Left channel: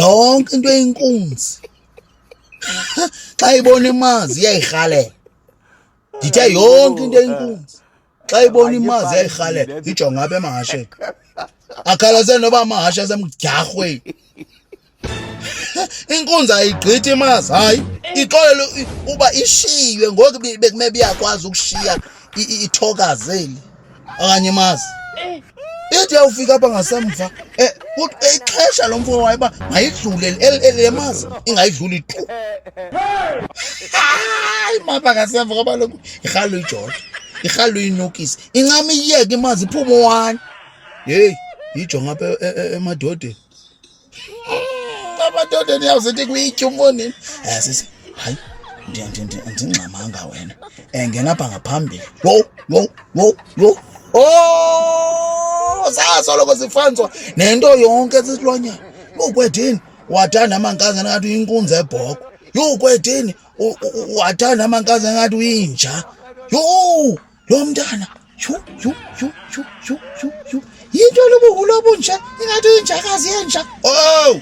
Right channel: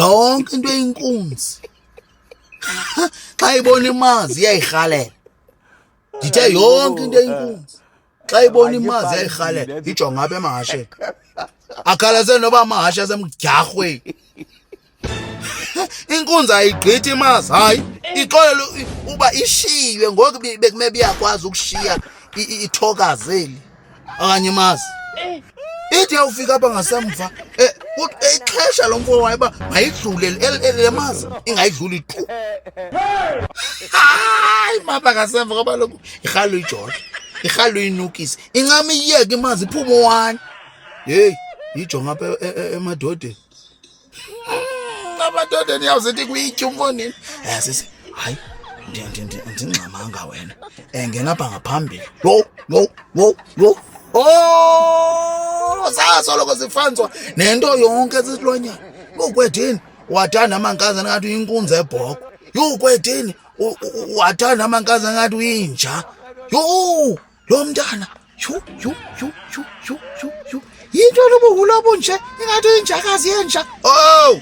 yonke into eyinkunzi xa ibona imazi iyayirhalela. Ndithe yonke into eyinkunzi xa ibona imazi iyayirhalela ijonga apha emahasheni. Akhalase noba amahashe asemdyarhweni. Inkunzi ayigqithi imazi, hayi ixolele uba ishiywe ngoku bekumele iyakwazi ukushiya ithokazeli okanye imazi. Ithi yawufika apha ngasemva ixesha lo mfo wayo uba mayidlule le mazi ingayidluli tu. Hayi mapha ngasemva ngoba lokhu irhalu iJoda, irhalu uyinukise, incama iyeke imazi iphume one. Yeyi yijonga apha emadodeni. Amadodeni yawuzithi kuyitya umfonini. Sisi, hayi andingxamanga wena. Ngena apha ngaphambili. Yo. Sasoloko sifanzwa nento yonke esisilwanyana. Ukwedini wathanda amankazana ngathi uyinkunzi ebhoko. Yho kwedini wathanda amankazana ngathi uyinja. Yo lo mntana. Yho. Yinto lobuhula obunje ingathi uyinjakazi yenja. Oh.